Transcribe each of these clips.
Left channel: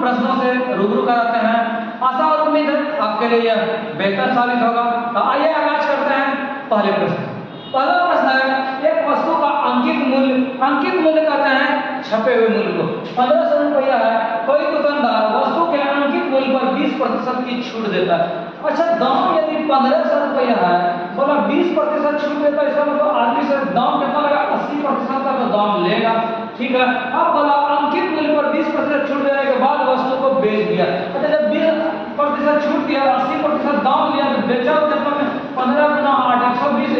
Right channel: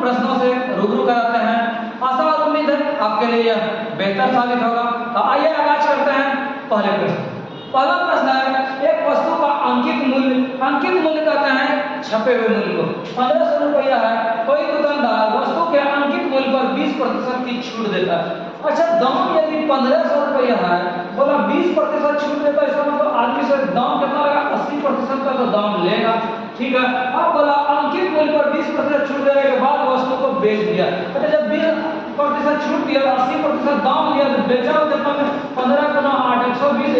प्रश्नों से रूबरू कराते हैं। आशा और उम्मीद है आपके लिए यह बेहतर साबित होगा। तो आइए आगाज करते हैं पहले प्रश्न। पहला प्रश्न है, एक वस्तु का अंकित मूल्य कहते हैं छपे हुए मूल्य को। 1500 रुपया है, कोई दुकानदार वस्तु के अंकित मूल्य पर 20% की छूट देता है। अच्छा, दाम यदि 1500 रुपया है, बोला 20% छूट देता है, इसका मतलब आदमी से दाम कितना लगा, 80% का तो दाम लेगा। ठीक है, अब बोला अंकित मूल्य पर 20% छूट देने के बाद वस्तु को बेच दिया। अच्छा, जब 20% छूट दिया, 80% दाम लिया, तो बेचा कितना में, 15 गुना 8, 120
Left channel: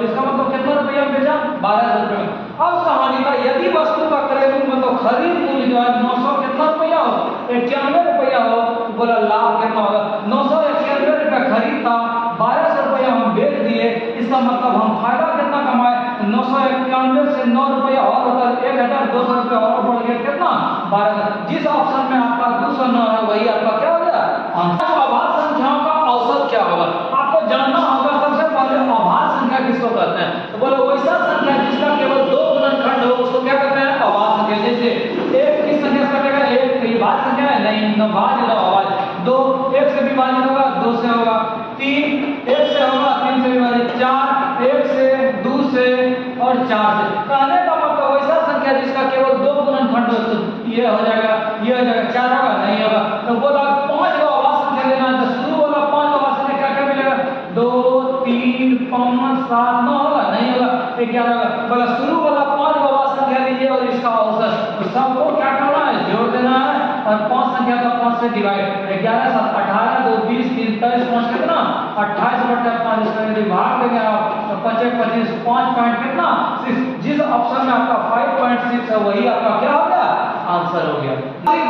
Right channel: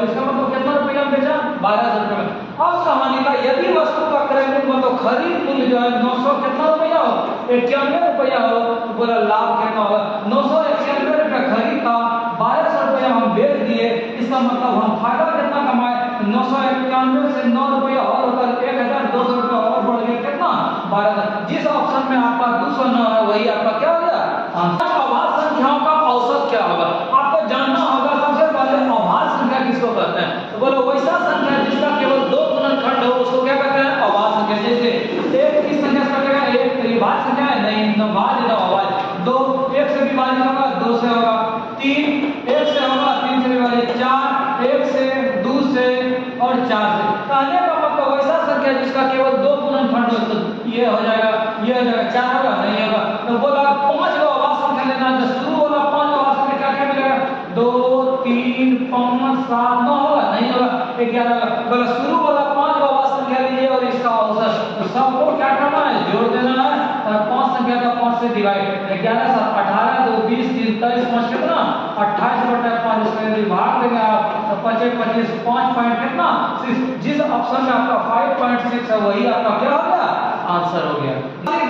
इसका मतलब कितना रुपया में बेचा, 1200 रुपये में। अब कहानी का यदि वस्तु का क्रय मूल्य मतलब खरीद मूल्य जो है 900 कितना रुपया हो, 91 रुपया हो, तो बोला लाभ कितना होगा, 991 रुपया खरीद था, 1200 रुपया हम बेच दिए, इसका मतलब हम फायदा कितना कमाए, 991 से 9 रुपया और होता है 1200 रुपया और बढ़ गया कितना, 1200। जिस ऑप्शन में आपका 209 है वही आपका क्या हो गया आंसर। अभाज्य संख्याओं का औसत क्या होगा, आपको जानना होगा। सबसे पहले अभाज्य संख्या किसको कहते हैं, तो बोलो वैसा संख्या जिसका केवल 2 गुणनखंड हो उसको क्या कहते हैं, अभाज्य संख्या। जैसे एक किस संख्या से कटेगा, एक विभाज्य संख्या है, नहीं नभाज्य तो अभाज्य। 2 1 से विभाजित होगा, 2 से होगा। 3 1 से होगा, 3 से विभाजित। 4 1 से, 2 से और 4 से। कहने का मतलब वैसा संख्या जिसका केवल 2 गुणनखंड हो, तो ये हो जाएगा, ये हो जाएगा, 4 होगा, नहीं होगा। तो बोला 5 को अभाज्य संख्या लेना है, तो शुरू वाला 5 अभाज्य संख्या क्या क्या मिलेगा, 2 3 5 7 9 होगा, नहीं होगा, 11 होगा। बोला शुरू वाला 5 को अभाज्य संख्या लीजिए और इसका औसत, तो सबको क्या करना है, जोड़ देना है और 5 संख्या का 5 से डिवाइड। 11 7 18 2 20 3 23 5 कितना, 28/5। इसका यदि भाग देंगे आप तो 25 25 5 पॉइंट कितना 6। जिस ऑप्शन में आपका 5.6 है वही आपका क्या हो गया, आंसर हो गया।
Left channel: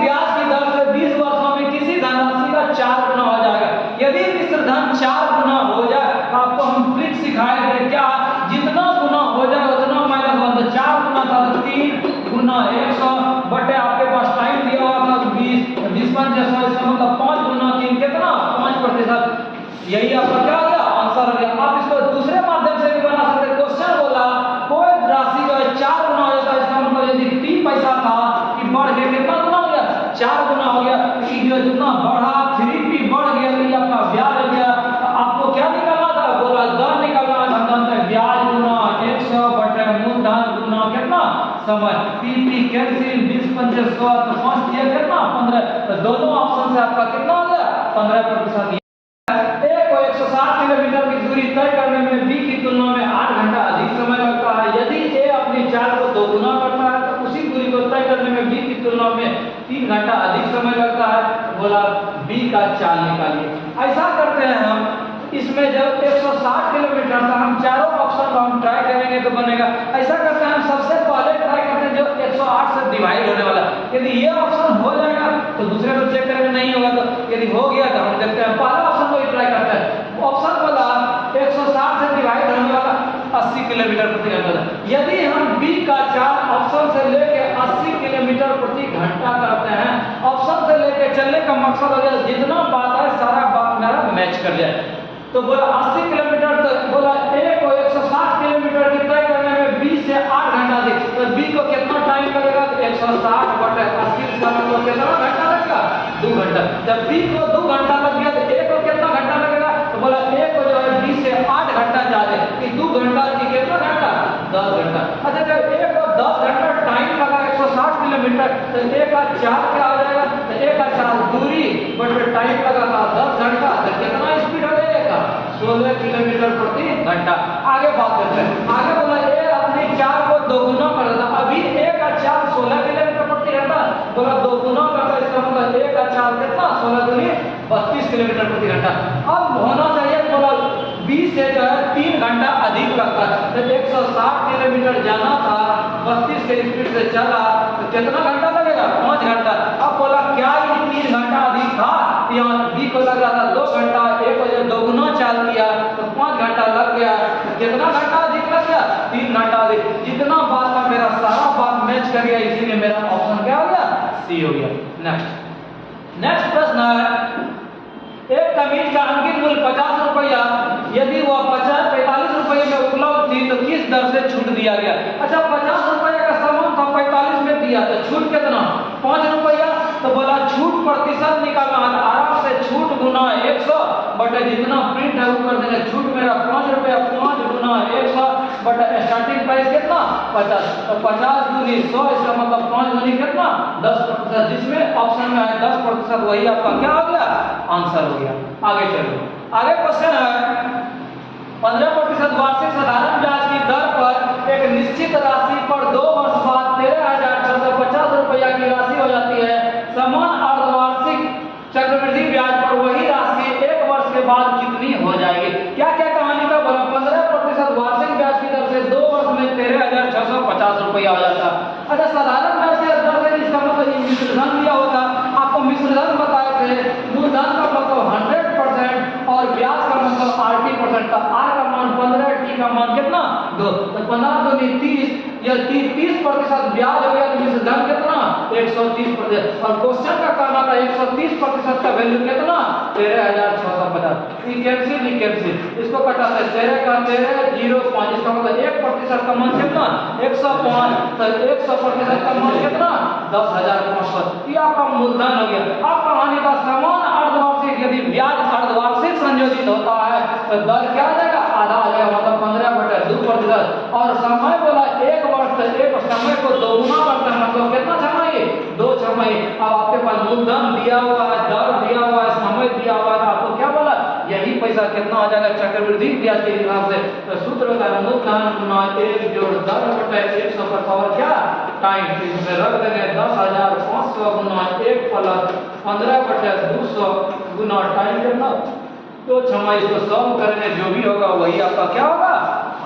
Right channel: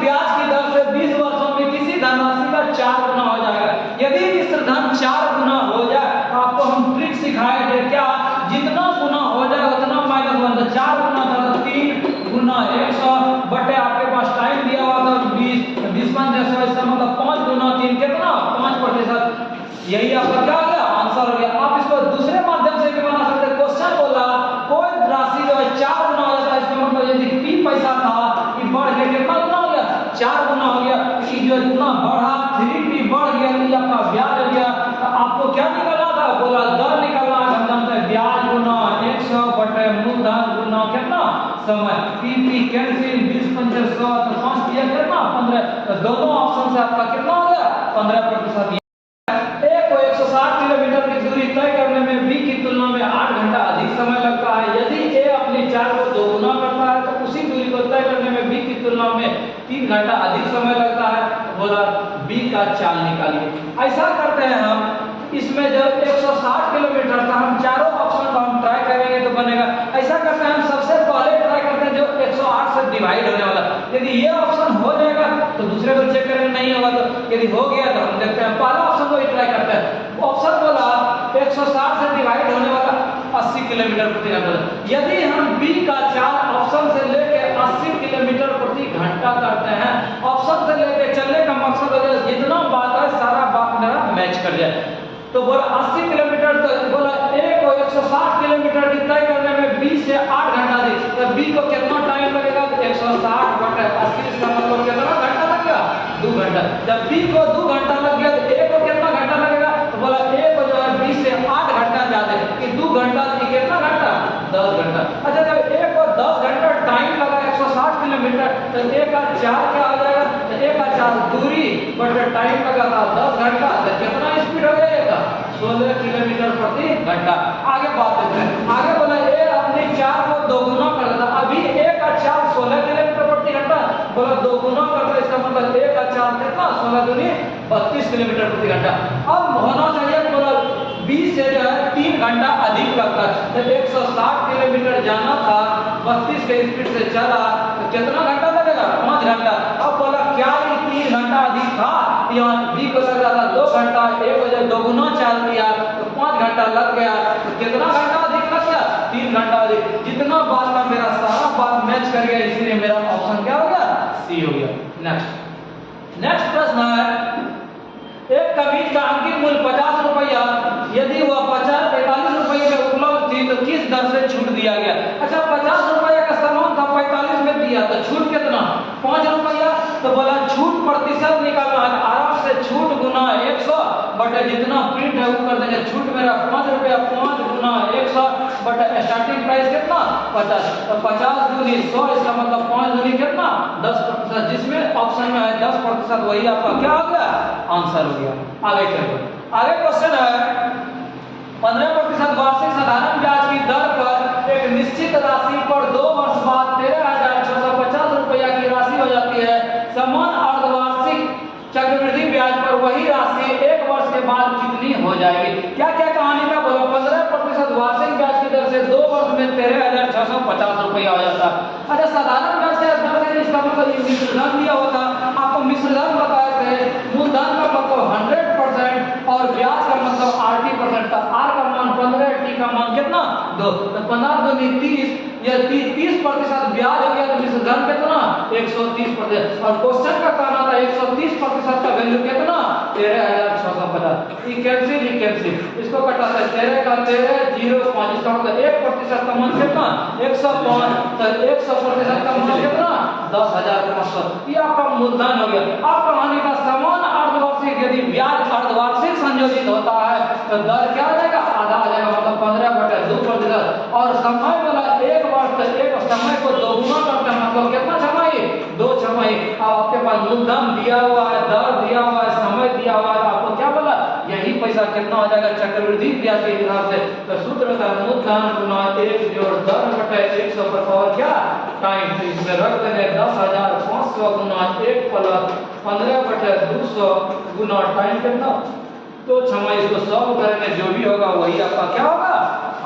ब्याज की दर से 20 वर्षों में किसी धनराशि का 4 गुना हो जाएगा। यदि मिश्र धन 4 गुना हो जाए, आपको हम ट्रिक सिखाएंगे क्या, जितना गुना हो जाए उतना -1। तो 4 गुना था तो 3 गुना 100 बटे आपके पास टाइम दिया हुआ था 20 20 5 100, इसका मतलब 5 गुना 3 कितना 5%। यही आपका क्या हो गया, आंसर हो गया। आप इसको दूसरे माध्यम से भी बना सकते हैं। क्वेश्चन बोला कोई राशि जो है 4 गुना हो जाता है, इसका मतलब यदि P पैसा था कि बढ़ के कितना गुना हो गया, 4 गुना हो गया। P जो जितना बढ़ा 3P बढ़ गया, नहीं आपका ब्याज हो गया। तो आपको क्या निकालना था, बोला दर निकालना। हम जानते हैं ब्याज गुना 100 बटे मूलधन गुना कितना समय। P कैंसिल 20 5 100 तो 5 दिया कितना 15। तो दोनों ऑप्शन से आपका कितना हो गया 15%। एक को 160 किलोमीटर की दूरी तय करने में B की तुलना में 8 घंटा अधिक समय लगता है। यदि A अपनी चाल को 2 गुना करता है तो उसी दूरी को तय करने में B की तुलना में 3 घंटा अधिक समय लगता है। तो बोला B का चाल निकालिए। ऐसा करते हैं हम, इसमें जब 160 किलोमीटर का हम चारों ऑप्शन को हम ट्राई करेंगे तो बनेगा। ऐसा करते हैं हम सबसे पहले ट्राई करते हैं जो 108 से डिवाइड होने वाला। यदि ये ऑप्शन हो जाएगा तो दूसरे को चेक करेंगे, नहीं होगा तो यदि हो गया तो हम देखते हैं पहला ऑप्शन को ही ट्राई करते हैं। ऑप्शन बोला 160 से डिवाइड होने वाला 80 किलोमीटर प्रति घंटा। यदि हम B का चाल ऑप्शन से लेके 80 किलोमीटर प्रति घंटा करते हैं, ऑप्शन से लेके चलने का मकसद हो जाए जितना बात है सारा बात मेरा मैच कर जाए। तो बोला 80 किलोमीटर तक, बोला A को 160 किलोमीटर की तय करने में B से 8 घंटा दे, तो B को कितना टाइम लगेगा, 160 बटे 80, इसका मतलब कितना घंटा लगेगा 2 घंटा। जब B को 2 घंटा लग गया तो A को कितना घंटा लगेगा, तो बोला A को जो है B से 8 घंटा ज्यादा कि 2 घंटा की कितना घंटा 10 घंटा। अच्छा, जब A को 10 घंटा टाइम लगा 160 किलोमीटर तो A का चाल क्या हो जाएगा, तो A का चाल दूरी बटे टाइम लगा था 10 घंटा, तो कितना स्पीड हो जाएगा 16 किलोमीटर प्रति घंटा। आगे बात करते हैं। आगे बोला A अपनी चाल को 2 गुना कर देता। अभी A का चाल 16 किलोमीटर प्रति घंटा, बोला 2 गुना करता, इसका मतलब A का चाल कितना 16 दूनी 32 किलोमीटर प्रति घंटा। अब होना चाहिए बोला B से जो है 3 घंटा अधिक लगता है। तो 160 किलोमीटर जाना था, 32 के स्पीड से चला तो कितना घंटा लगेगा 5 घंटा। अब बोला क्या ये 3 घंटा अधिक था, यहाँ B को लग रहा था 2 घंटा, A को जब 2 गुना चाल दिया तो 5 घंटा लग गया, तो कितना घंटा अधिक लग गया 3 घंटा अधिक। जितना बात का मेरा सारा बात मैच कर गया, इसीलिए मेरा ऑप्शन क्या हो गया C हो गया। नेक्स्ट प्रश्न है, एक कमीज का अंकित मूल्य 50 रुपया, यदि वह 45 रुपये में उपलब्ध थी तो किस दर से छूट दिया गया। अच्छा, 50 रुपये का सामान था 45 में दिया तो छूट कितना 5 रुपया, तो बोला छूट प्रतिशत निकालना है, आराम से छूट गुना 100 बटे जितना प्रिंट है वो कर देंगे। छूट मेरा 5 रुपया, 5 गुना 100 बटे स्टार्टिंग प्राइस कितना 50, तो 50 दूनी 100, इसका मतलब 5 दूनी कितना 10%, जिसमें ऑप्शन में है 10%, वही आपका क्या हो गया आंसर हो गया। आगे चलो, आगे क्वेश्चन है 15% वार्षिक साधारण ब्याज की दर पर एक निश्चित राशि पर 2 वर्ष बाद 13,650 रुपया की राशि हो जाती है। समान अर्धवार्षिक चक्रवृद्धि ब्याज पर वही राशि 1 वर्ष के बाद कितनी हो जाएगी? क्या क्या कहानी का बोला, 15% वार्षिक ब्याज की दर से 2 वर्ष में 13,650 रुपया हो जाता है। अच्छा, साधारण ब्याज की दर से इसका मतलब ये मिश्रधन दिया होता, आपको मिश्रधन बताए थे, मूलधन का मतलब 100% और ब्याज का मतलब 80%, तो आर का मान 15, टी का मान कितना 2, तो 15 दूनी 30, या 30% ब्याज हो गया, तो मिश्रधन कितना 130%, और क्वेश्चन का कहना था 130% का वैल्यू कितना 13,650। कैंसिल, इसको कटाते 13 का 13 0.5, इसका मतलब 1% का मान कितना 105, तो 100% का मान कितना 10,500, ये आपका मूलधन हो गया। अब कहानी का समान अर्धवार्षिक यदि ब्याज अर्धवार्षिक संयोजित होता है तो दर क्या आ जाएगा, आधा आ जाएगा, मतलब 15/2%, और समय बोला 1 वर्ष, तो एक समय को दोगुना करते हैं, मतलब कितना छमाही 2 छमाही। अब आपके पास मूलधन दिया हुआ है, दर दिया हुआ है, समय दिया हुआ है, आपको क्या बोला यही पैसा कितना आ जाएगा चक्रवृद्धि ब्याज के हिसाब से, तो सूत्र होता है मूलधन गुना 1 जोड़ दर बटे 100 पर पावर क्या टाइम, तो इसमें रख देंगे 10,500 गुना 1 प्लस 15/200 गुना टाइम कितना 2 छमाही, इसको सॉल्व करेंगे जो भी होगा वही आपका क्या होगा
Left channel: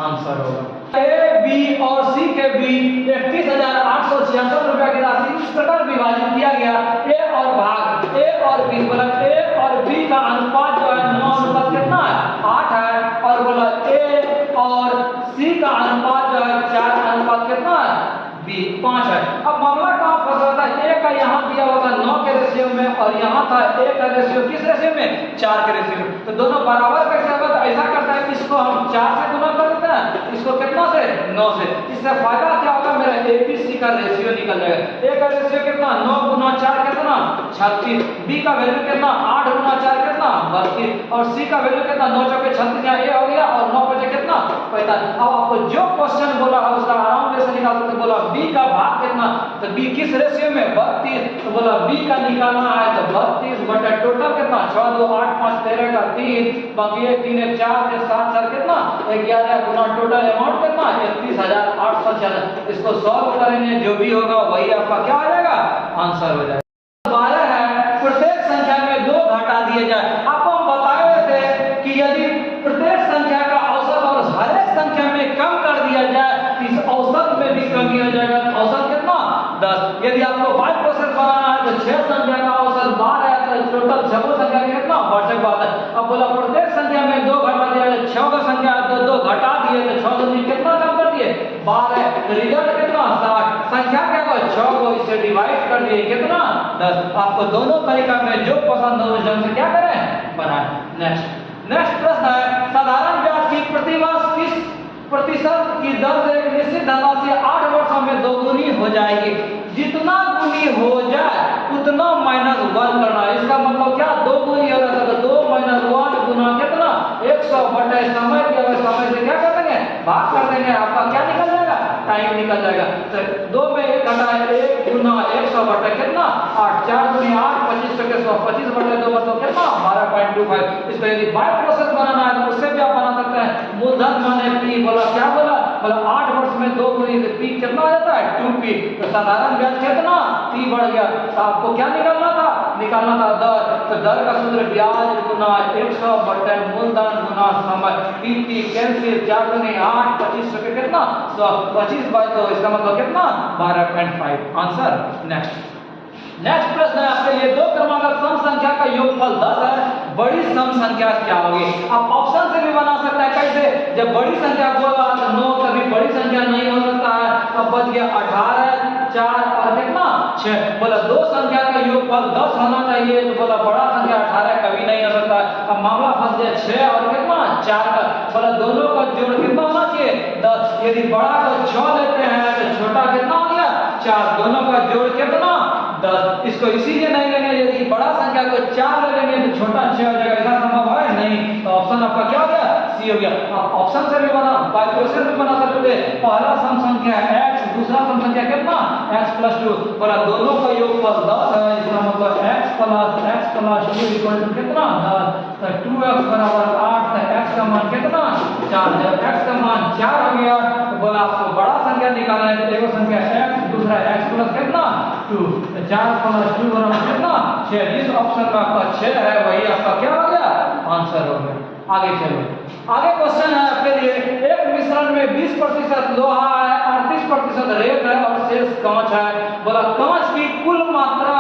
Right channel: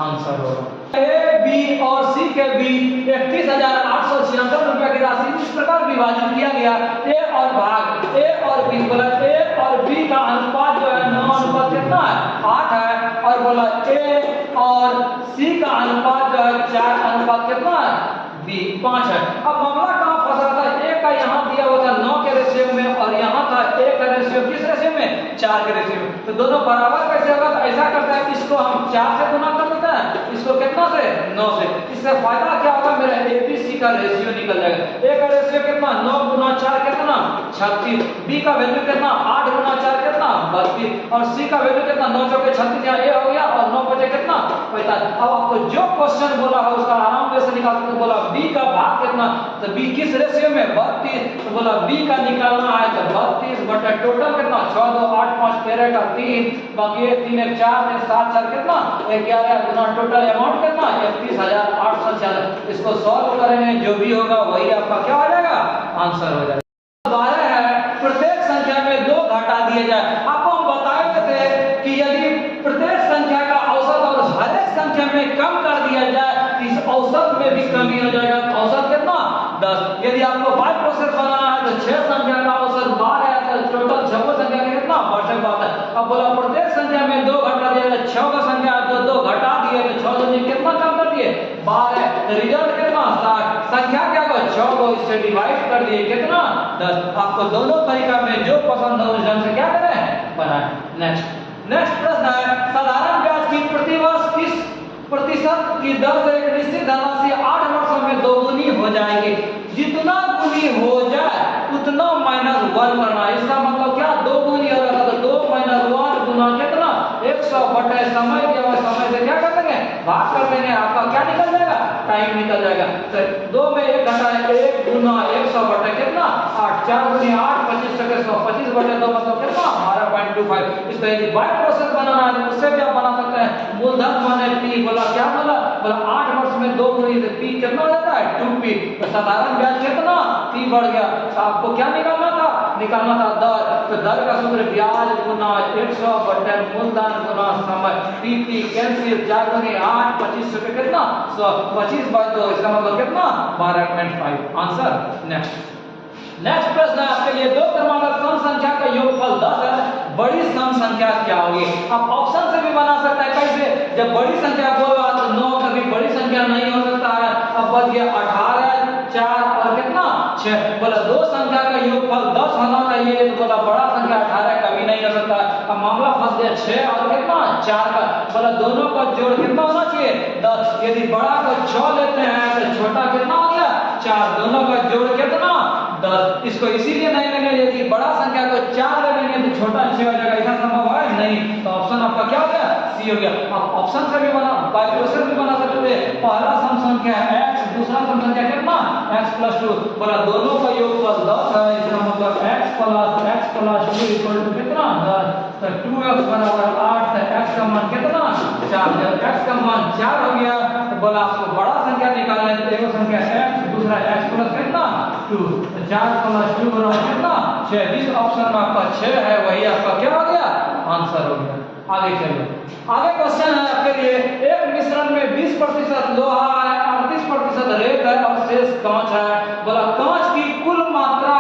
आंसर होगा। ए, बी और सी के बीच 31,866 रुपया की राशि इस प्रकार विभाजित किया गया, ए और भाग ए और बी, बोला ए और बी का अनुपात जो है 9 अनुपात कितना है 8 है, और बोला ए और सी का अनुपात जो है 4 अनुपात कितना है बी 5 है। अब मामला कहाँ फंस रहा था, ए का यहाँ दिया हुआ था 9 के रेशियो में, और यहाँ था ए का रेशियो किस रेशियो में 4 के रेशियो में, तो दोनों बराबर कैसे होगा, तो ऐसा करता है इसको हम 4 से गुना कर देते हैं, इसको कितना से 9 से, इससे फायदा क्या होगा मेरा ए बी सी का रेशियो निकल जाएगा। ए का रेशियो कितना 9 गुना 4 कितना 36, बी का वैल्यू कितना 8 गुना 4 कितना 32, और सी का वैल्यू कितना 9 चौके 36, यहाँ ए हो गया, और 9 बचे कितना 45। अब आपको जो क्वेश्चन बोला है उसका आराम से निकाल सकते, बोला बी का भाग कितना, तो बी किस रेशियो में 32, तो बोला बी का निकालना है तो 32 बटा टोटल कितना 6 2 8 5 13 का 3, बाकी 3 1 4 7 4 कितना 11 गुना टोटल अमाउंट कितना 31,866। इसको सॉल्व करेंगे जो भी होगा वही आपका क्या हो जाएगा आंसर हो जाएगा। 12 है, प्रत्येक संख्या में 2 घटा दिए जाए। आपको हम बताए थे कि यदि प्रत्येक संख्या का औसत और हर एक संख्या में कम कर दिया जाए, इस औसत में भी कमी हो जाएगा, औसत कितना 10। यदि आपको 5% बनाना है तो 6 संख्या का औसत 12 है, तो टोटल 6 संख्या का कितना 62 बात है। अब बोला प्रत्येक संख्या में 2 घटा दिया जाए, 6 का संख्या तो 2 घटा दिए, तो 6 दूनी कितना कम कर दिए 12, तो रिजल्ट कितना 60, संख्या क्या को 6 को इससे डिवाइड कर दिए कितना 10। आपको दोनों तरीका में जो पसंद हो उस ढंग से क्या करें बनाएं। नेक्स्ट प्रश्न है, साधारण ब्याज की प्रतिवर्ष किस प्रतिशत की दर से एक निश्चित धनराशि 8 वर्षों में दोगुनी हो जाएगी? जितना गुनी हो जाए उतना -1 करना, इसका मतलब क्या 2 गुनी हो रहा था तो 2 - 1 गुना कितना 100 बटे समय दिया हुआ, समय से क्या कर देंगे भाग कर देंगे, आपका क्या निकल जाएगा टाइम निकल जाएगा। तो 2 में 1 घटा 1 गुना 100 बटे कितना 8, 4 गुनी 8 25 टके 100, 25 बटे 2 मतलब कितना 12.25। इसको यदि बाय प्रोसेस बनाना है उससे भी आप बना सकते हैं। मूलधन माने पी, बोला क्या बोला 8 वर्ष में 2 गुनी से पी कितना हो जाता है 2p, तो साधारण ब्याज कितना p बढ़ गया, तो आपको क्या निकालना था दर, तो दर का सूत्र ब्याज गुना 100 बटे मूलधन गुना समय, p कैंसिल 4 गुनी 8 25 रुपए कितना 100, 25 बाय 2 इसका मतलब कितना 12.5 आंसर। नेक्स्ट प्रश्न है आपके लिए, 2 क्रमांक सम संख्या का योगफल 10 है, बड़ी सम संख्या क्या होगी? आप ऑप्शन से भी बना सकता है, कैसे जब बड़ी संख्या बोला तो 9 कभी बड़ी संख्या नहीं हो सकता है, अब बच गया 18 4 और कितना 6, बोला 2 संख्या का योगफल 10 होना चाहिए, तो बोला बड़ा संख्या 18 कभी नहीं हो सकता है। अब मामला फंस गया 6 और कितना 4 का, बोला दोनों का जोड़ कितना होना चाहिए 10, यदि बड़ा को 6 लेते हैं तो छोटा कितना हो गया 4, दोनों का जोड़ कितना 10। इसको इसीलिए नहीं लेंगे, यदि बड़ा संख्या को 4 ले लेंगे तो छोटा 6 हो जाएगा, ऐसा संभव है नहीं। तो ऑप्शन आपका क्या हो गया, सी हो गया। आप ऑप्शन से भी बना, बाय क्वेश्चन भी बना सकते हैं। पहला सम संख्या x, दूसरा सम संख्या कितना x + 2, बोला दोनों का योगफल 10 है, इसका मतलब x + 2 इक्वल टू कितना 10। तो 2x बराबर 8, तो x का मान कितना 4। जब x का मान 4 हो गया तो बोला आपको बड़ा संख्या निकालना है, तो एगो संख्या x, दूसरा x प्लस कितना 2, तो 4 + 2 बराबर कितना 6। जिस ऑप्शन में आपका 6 है वही आपका क्या हो गया, आंसर हो गया। आगे चलो, आगे क्वेश्चन है आपके लिए, एक मिश्रण में 20% लोहा है, 38% रेत है और शेष कांच है। बोला कांच की कुल मात्रा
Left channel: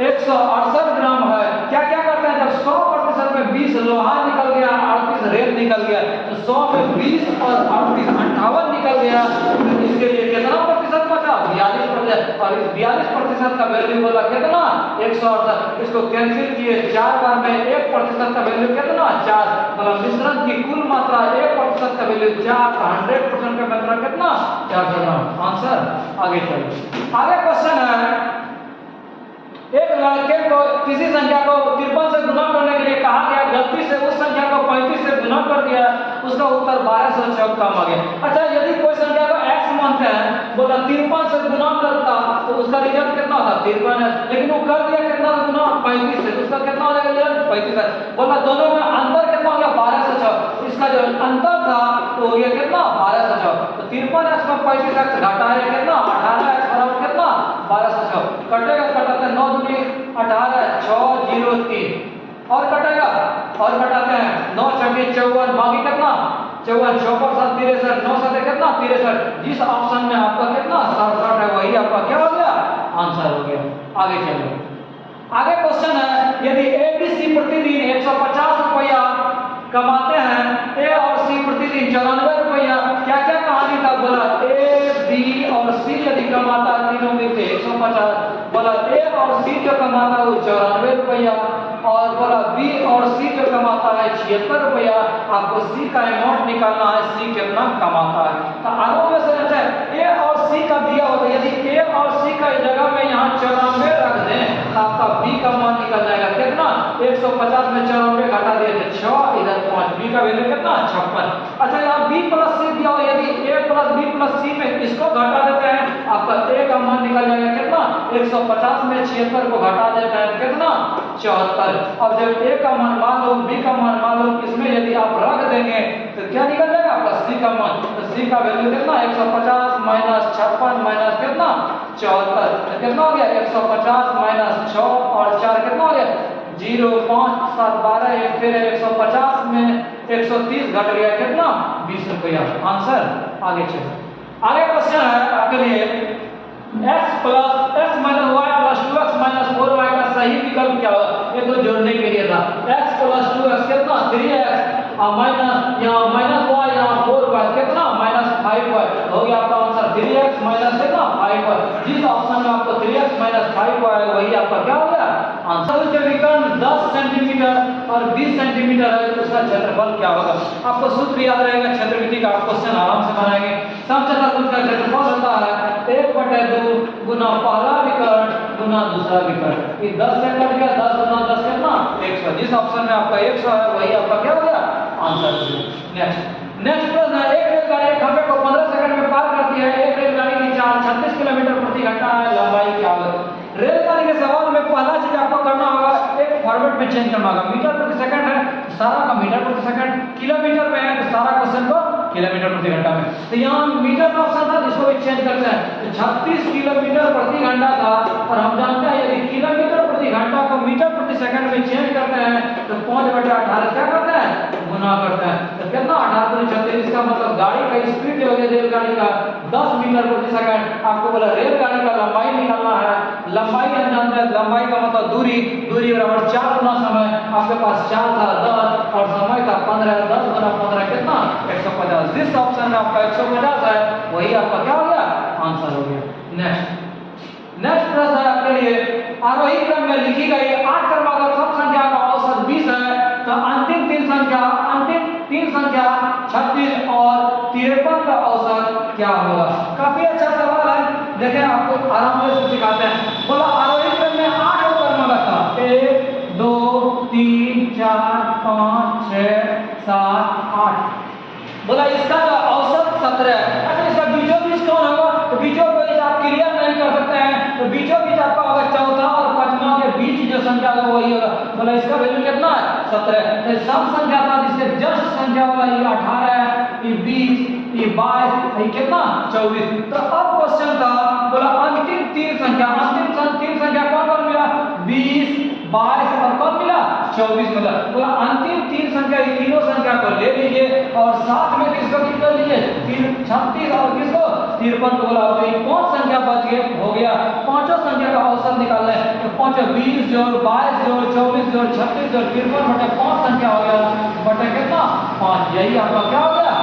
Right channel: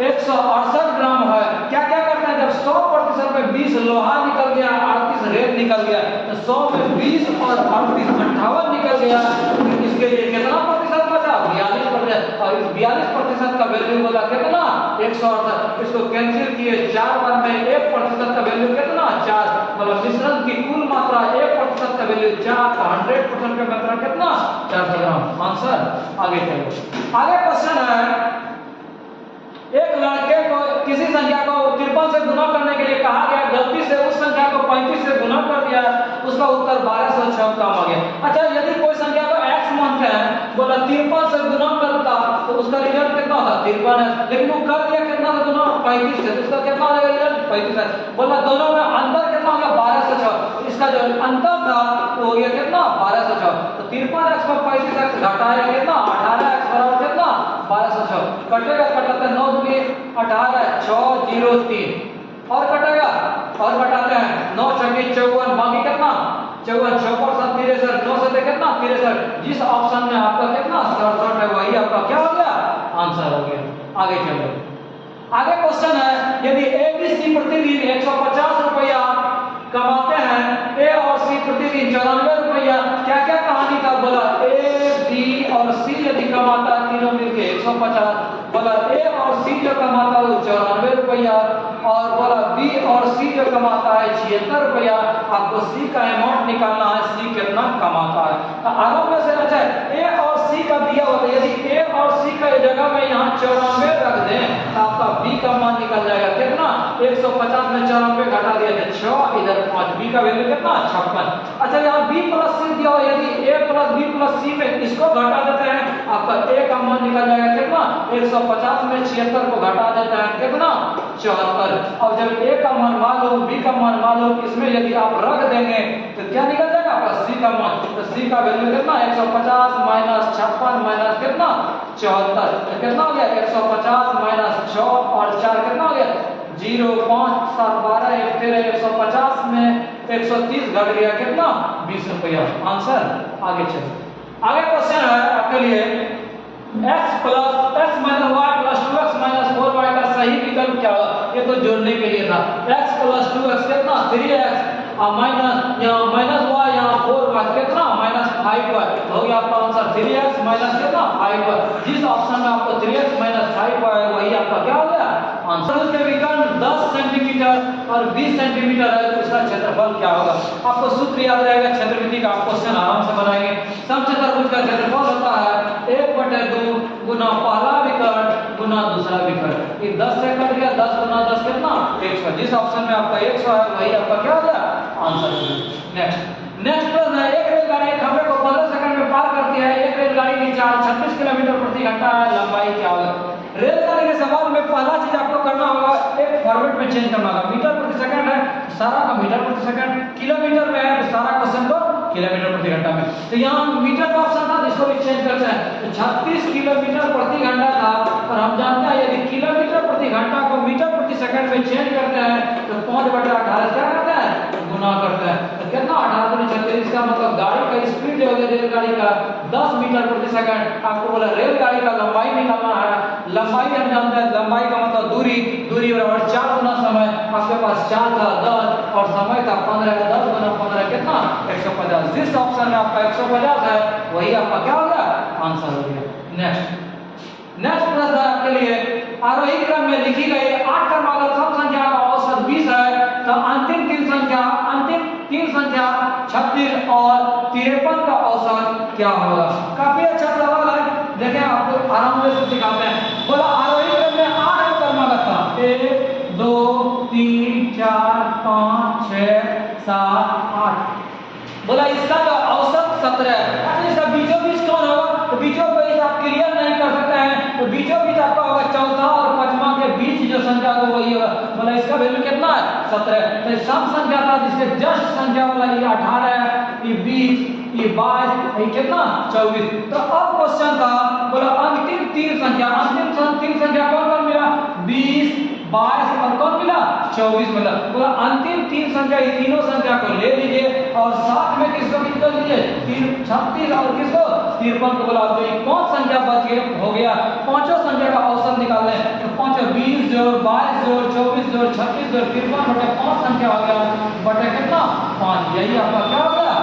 168 ग्राम है। क्या क्या करते हैं, जब 100% में 20 लोहा निकल गया, 38 रेत निकल गया, तो 100 में 20 और 38 58 निकल गया, तो इसके लिए कितना प्रतिशत बचा, 42%। और इस 42% का वैल्यू बोला कितना 168। इसको कैंसिल किए 4 बार में 1% का वैल्यू कितना 4, मतलब मिश्रण की कुल मात्रा 1% का वैल्यू 4, 100% का मात्रा कितना 400 ग्राम, आंसर। आगे चलो, आगे क्वेश्चन है, एक लड़के को किसी संख्या को 53 से गुना करने के लिए कहा गया, गलती से उस संख्या को 35 से गुना कर दिया, उसका उत्तर 1206 कम आ गया। अच्छा, यदि कोई संख्या को x मानते हैं, बोला 53 से गुना करता तो उसका रिजल्ट कितना था 53 है, लेकिन वो कर दिया कितना से गुना 35 से, तो उसका कितना हो जाएगा रिजल्ट 35 है। बोला दोनों में अंतर कितना हो गया 1206, इसका जो अंतर था वो हो गया कितना 1206। तो 53x को 35x घटाया कितना 18x बराबर कितना 1206। कटेगा कटाते 9 दूनी 18, 603 और कटेगा और घटाते हैं 9 चौकी 54, बाकी कितना 54, 6 पर 7 63, 9 से कितना 63। जिस ऑप्शन में आपका कितना 67 है वही आपका क्या हो गया, आंसर हो गया। आगे चलो, आगे क्वेश्चन है, यदि ABC प्रतिदिन 150 रुपया कमाते हैं, ए और सी प्रतिदिन 94 रुपया, क्या क्या कहानी का, बोला ए बी और सी यदि कमाता है तीनों मिलकर 150, बोला ए और सी जो कमाता है वो 94 रुपया, और बोला बी और सी जो कमाता है 76 रुपया। आपको सी का अमाउंट निकालना है, सी कितना कमाता है। तो आगे में से अच्छा ए और सी का दिया होता है, यदि ए और सी का जगह में यहाँ 94 रख दें तो आपका बी का मान निकल जाएगा कितना 150 में 94 घटा दिए थे 6, इधर 5, बी का वैल्यू कितना 56। अच्छा, यहाँ बी प्लस सी दिया हो, यदि ए प्लस बी प्लस सी में इसको घटा देते हैं, आपका ए का मान निकल जाएगा कितना 150 में 76 को घटा देते हैं कितना 74। अब जब ए का मान मालूम, बी का मान मालूम, इसमें यदि आप रख देंगे तो क्या निकल जाएगा आपका सी का मान, तो सी का वैल्यू कितना 150 माइनस 56 माइनस कितना 74, तो कितना हो गया 150 माइनस 6 और 4 कितना हो गया 0, 5, 7, 12, 1 13, 150 में 130 घट गया कितना 20 रुपया, आंसर। आगे चलो, आगे क्वेश्चन है आपके लिए, x plus x minus y plus 2x minus 4y का सही विकल्प क्या होगा। ये तो जोड़ने के लिए था, x प्लस 2x कितना 3x माइनस यहाँ माइनस y यहाँ 4y कितना माइनस 5y, हो गया आपका आंसर 3x माइनस कितना 5y। जिस ऑप्शन में आपको 3x माइनस 5y है वही आपका क्या हो गया आंसर। उसके विकर्ण 10 सेंटीमीटर और 20 सेंटीमीटर है, तो उसका क्षेत्रफल क्या होगा। आपको सूत्र याद रहेगा क्षेत्रमिति का, आप क्वेश्चन आराम से बनाएंगे। समचतुर्भुज का क्षेत्रफल होता है 1/2 गुना पहला विकर्ण गुना दूसरा विकर्ण। ये 10 से कट गया, 10 गुना 10 कितना 100। जिस ऑप्शन में आपका 100 है वही आपका क्या हो गया आंसर। नेक्स्ट प्रश्न है, एक रेलगाड़ी एक खंभे को 15 सेकंड में पार करती है, एक रेलगाड़ी की चाल 36 किलोमीटर प्रति घंटा है, लंबाई क्या होगा। रेलगाड़ी के सवाल में पहला चीज आपको करना होगा, एक फॉर्मेट में चेंज करना होगा। मीटर प्रति सेकंड है तो सारा का मीटर प्रति सेकंड, किलोमीटर में है तो सारा क्वेश्चन को किलोमीटर प्रति घंटा में। तो यहाँ मीटर का ऑप्शन था, इसको भी चेंज करते हैं, तो 36 किलोमीटर प्रति घंटा था, और हम जानते हैं यदि किलोमीटर प्रति घंटा को मीटर प्रति सेकंड में चेंज करते हैं तो 5/18 क्या करते हैं गुना करते हैं, तो कितना 18 × 36, इसका मतलब गाड़ी का स्पीड जो है रेलगाड़ी का 10 मीटर प्रति सेकंड। आपको बोला रेलगाड़ी का लंबाई निकालना है, लंबाई हम जानते हैं, लंबाई का मतलब दूरी, दूरी बराबर 4 गुना समय, आपके पास 4 था 10 और समय था 15, 10 गुना 15 कितना 150। जिस ऑप्शन में आपका 150 है वही आपका क्या हो गया आंसर हो गया। नेक्स्ट प्रश्न है आपके लिए, आरोही क्रम में लिखी गई 8 क्रमागत सम संख्या का औसत 20 है, तो अंतिम तीन संख्या 36 और 53 का औसत क्या होगा। काफी अच्छा सवाल है, देखें आपको आराम से सिखाते हैं। बोला आरोही 1 2 3 4 5 6 7 8। बोला इसका जो औसत 17 है। अच्छा इसका बीचों बीच कौन होगा? तो बीचों बीच आप क्लियर नहीं कर सकते हैं, तो बीचों बीच आपका होगा चौथा और पांचवा के बीच जो संख्या होगा वही होगा। बोला इसका वैल्यू कितना है? 17। तो सम संख्या था जिससे जस्ट संख्या वाला ये 18 है, ये 20, ये 22, ये कितना 24। तो अब क्वेश्चन था, बोला अंतिम तीन संख्या, अंतिम तीन संख्या कौन कौन मिला? 20, 22 और कौन मिला? 24 मिला। बोला अंतिम तीन संख्या, ये तीनों संख्या को ले लीजिए और साथ में किसको निकाल लीजिए? 36 और किसको? 53 को। बोला तो ये 5 संख्या बच गए, हो गया। पांचों संख्या का औसत निकालना है तो 5 20 जोड़ 22 जोड़ 24 जोड़ 36 जोड़ 53 बटे 5 संख्या हो गया, बटे कितना? 5। यही आपका क्या हो गया?